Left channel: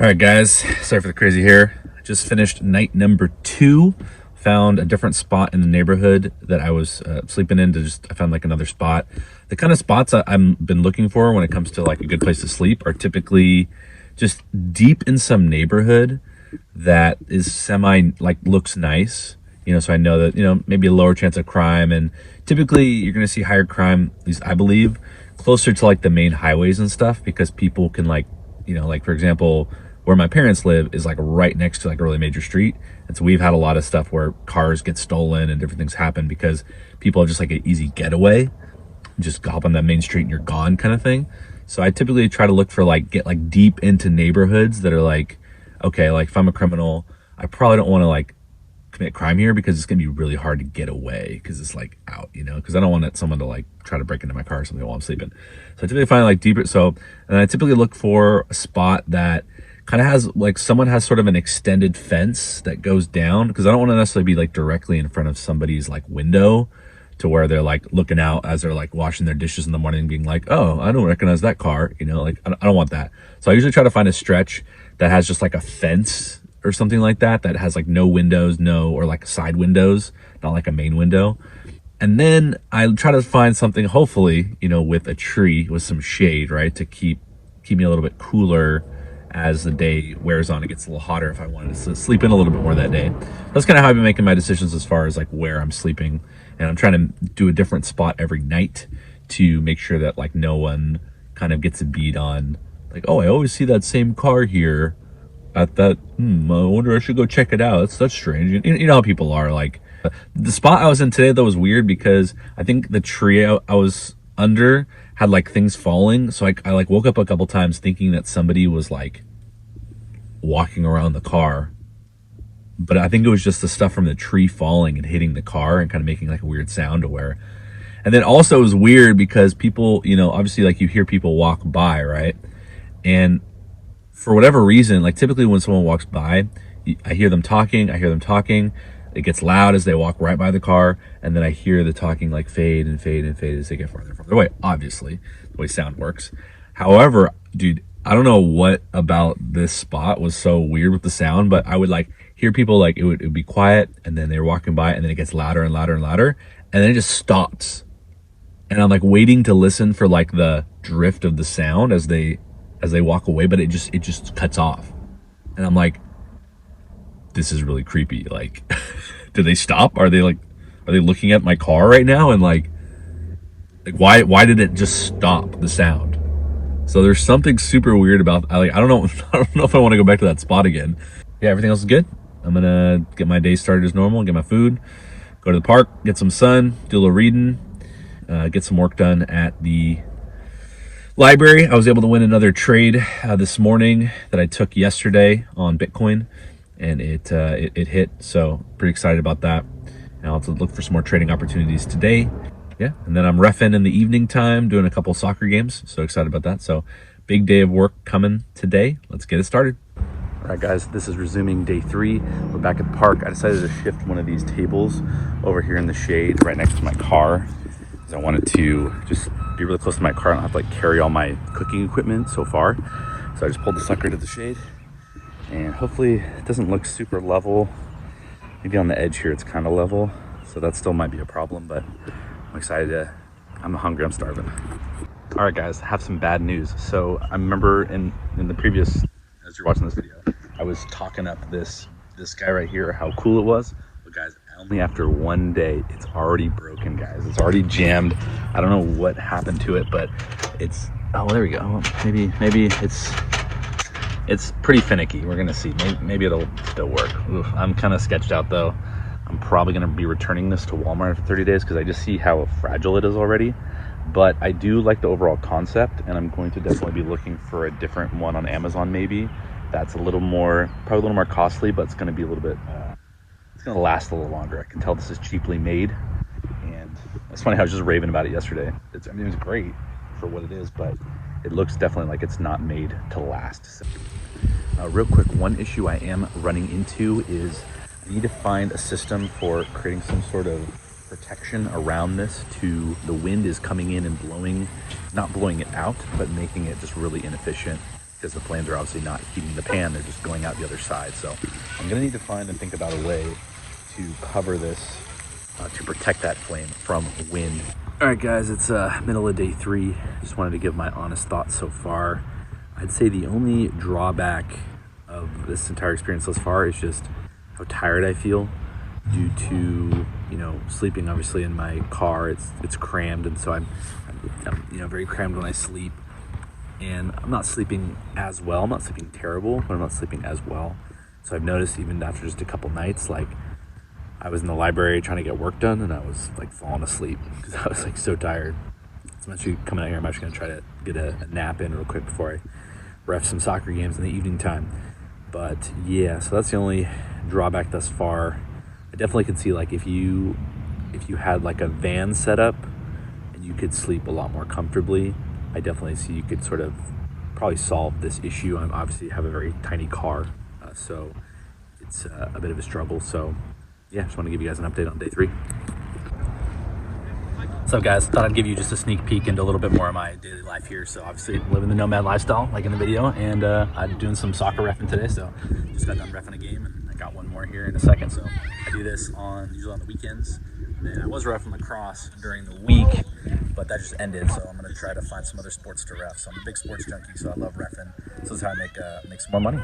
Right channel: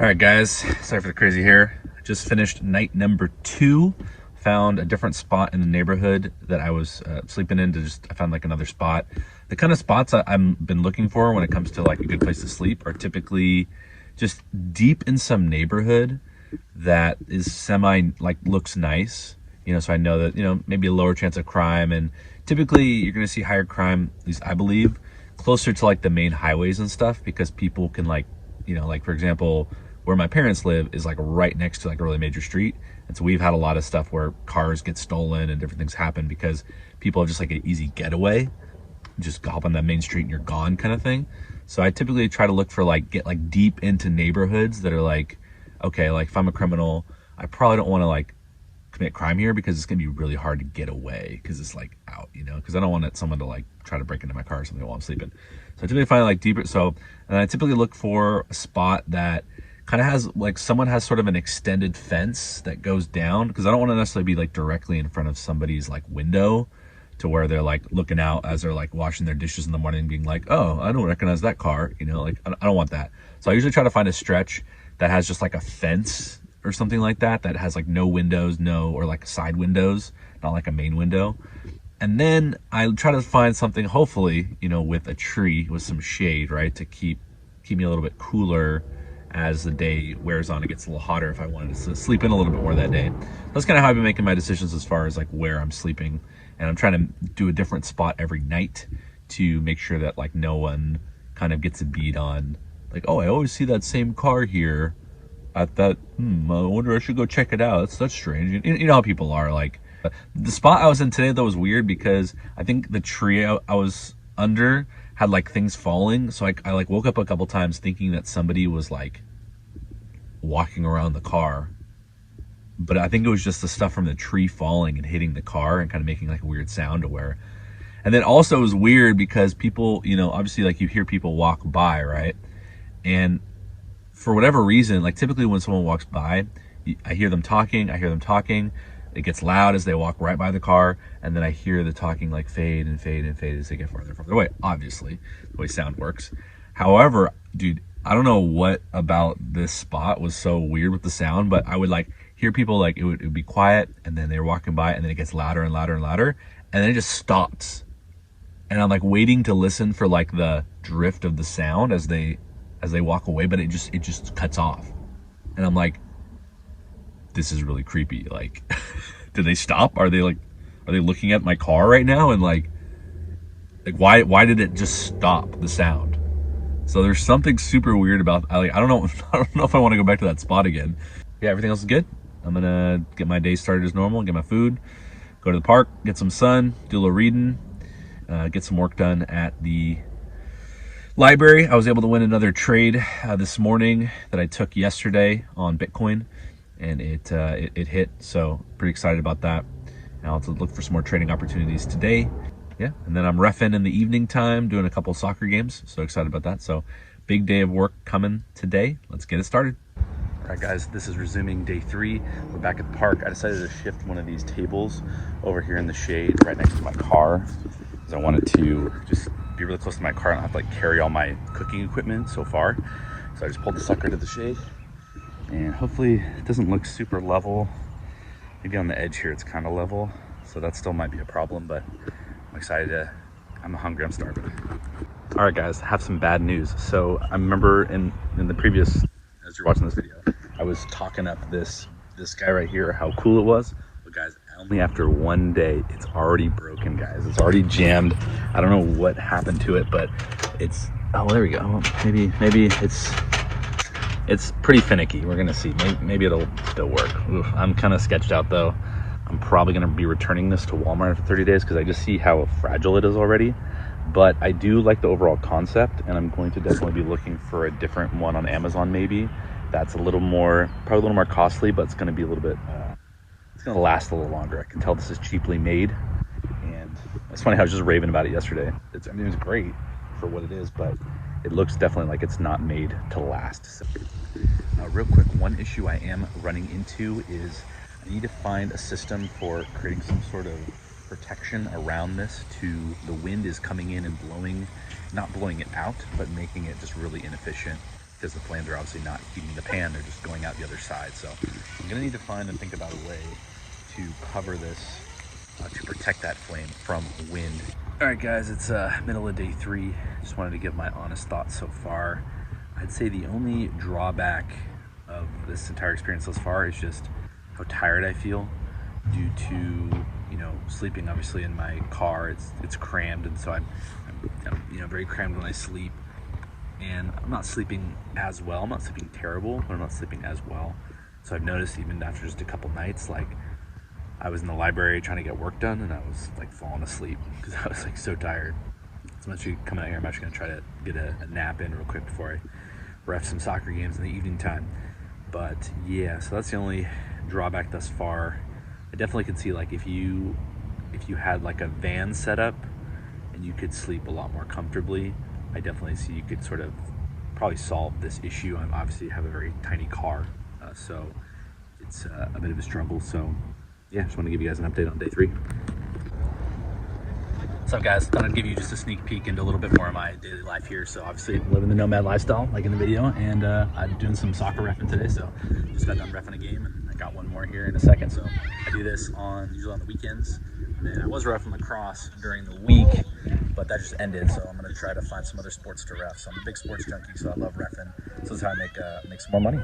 All right, guys, sorry for the crazy hair. I just finished night number 2. Found a different spot in the neighborhood that I was sleeping in. I found like another spot. The kind of spots I've been looking for when it comes to like a good place to sleep are typically just deep in some neighborhood that is like looks nice. So I know that, maybe a lower chance of crime, and typically you're going to see higher crime, at least I believe, closer to like the main highways and stuff, because people can like, like for example, where my parents live is like right next to like a really major street. And so we've had a lot of stuff where cars get stolen and different things happen because people have just like an easy getaway, just hop on that main street and you're gone kind of thing. So I typically try to look for get like deep into neighborhoods that are like, okay, like if I'm a criminal, I probably don't want to like commit crime here because it's gonna be really hard to get away because it's like out, because I don't want someone to like try to break into my car or something while I'm sleeping. So I typically find like deeper. And I typically look for a spot that kind of has like someone has sort of an extended fence that goes down, because I don't want to necessarily be like directly in front of somebody's like window to where they're like looking out as they're like washing their dishes in the morning being like, oh, I don't recognize that car, like I don't want that. So I usually try to find a stretch that has just like a fence or something like that has like no windows, or like side windows, not like a main window. And then I try to find something, hopefully, with a tree with some shade, right, to keep me a little bit cooler as the day wears on. It gets a little hotter if I wanted to sleep in a little bit more that day. That's kind of how I've been making my decisions as far as like where I'm sleeping. And I'm trying to do a different spot every night to make sure that like no one kind of gets a beat on like, oh, I always see that same car here at that. I wonder, I should go check it out. That's strange. You know how people are. Like the spot I was in today though was weird because I think the tree I was under had like things falling, so I like woke up a couple times thinking that somebody was like walking around the car, but I think it was just the stuff from the tree falling and hitting the car and kind of making like a weird sound to where. And then also it was weird because people, obviously like you hear people walk by, right? And for whatever reason, like typically when someone walks by, I hear them talking. It gets loud as they walk right by the car, and then I hear the talking like fade and fade and fade as they get farther and farther away. Obviously, the way sound works. However, dude, I don't know what about this spot was so weird with the sound, but I would like hear people like it would be quiet, and then they're walking by, and then it gets louder and louder and louder, and then it just stops. And I'm like waiting to listen for like the drift of the sound as they walk away, but it just cuts off. And I'm like, this is really creepy. Like, did they stop? Are they looking at my car right now? And like why did it just stop the sound? So there's something super weird about, I don't know if I want to go back to that spot again. Yeah, everything else is good. I'm gonna get my day started as normal, get my food, go to the park, get some sun, do a little reading, get some work done at the library. I was able to win another trade this morning that I took yesterday on Bitcoin, and it hit, so pretty excited about that. And I'll have to look for some more trading opportunities today. Yeah, and then I'm reffing in the evening time, doing a couple soccer games, so excited about that. So big day of work coming today. Let's get it started. All right, guys, this is resuming day 3. We're back at the park. I decided to shift one of these tables over here in the shade right next to my car. I wanted to just be really close to my car and not have to like carry all my cooking equipment so far. So I just pulled the sucker into the shade, and hopefully it doesn't look super level. Maybe on the edge here it's kind of level, so that still might be a problem, but I'm excited I'm hungry, I'm starving. All right, guys, I have some bad news. So I remember in the previous, as you're watching this video, I was talking up this guy right here, how cool it was. But guys, only after one day, it's already broken, guys. It's already jammed. I don't know what happened to it, but it's, oh, there we go. Maybe it's pretty finicky. We're gonna see. Maybe it'll still work. Oof, I'm kind of sketched out though. I'm probably gonna be returning this to Walmart after 30 days because I just see how fragile it is already. But I do like the overall concept, and I'm going to definitely be looking for a different one on Amazon maybe. That's probably a little more costly, but it's gonna be a little bit, it's gonna last a little longer. I can tell this is cheaply made, and it's funny how I was just raving about it yesterday. It's great for what it is, but it looks definitely like it's not made to last. So, real quick, one issue I am running into is I need to find a system for creating some sort of protection around this to the wind is coming in and blowing, not blowing it out, but making it just really inefficient because the flames are obviously not heating the pan, they're just going out the other side. So I'm gonna need to find and think about a way to cover this to protect that flame from wind. All right guys, it's middle of day 3. Just wanted to give my honest thoughts so far. I'd say the only drawback of this entire experience thus far is just how tired I feel due to, you know, sleeping obviously in my car. It's crammed, and so I'm you know, very crammed when I sleep, and I'm not sleeping as well. I'm not sleeping terrible, but I'm not sleeping as well. So I've noticed even after just a couple nights, like I was in the library trying to get work done and I was like falling asleep because I was like so tired. So I'm actually coming out here, I'm actually gonna try to get a nap in real quick before I ref some soccer games in the evening time. But yeah, so that's the only drawback thus far. I definitely could see, like, if you had like a van setup and you could sleep a lot more comfortably, I definitely see you could sort of probably solve this issue. I obviously have a very tiny car, so it's a bit of a struggle. So yeah, just want to give you guys an update on day 3. What's up guys? Thought I'd give you just a sneak peek into a little bit more of my daily life here. So obviously living the nomad lifestyle, like in the video, and I'm doing some soccer reffing today. So just got done reffing a game and I got one more here in a second. So I do this usually on the weekends. And then I was reffing lacrosse during the week, but that just ended. So I'm gonna try to find some other sports to ref. So I'm a big sports junkie, so I love reffing. So this is how I make some more money.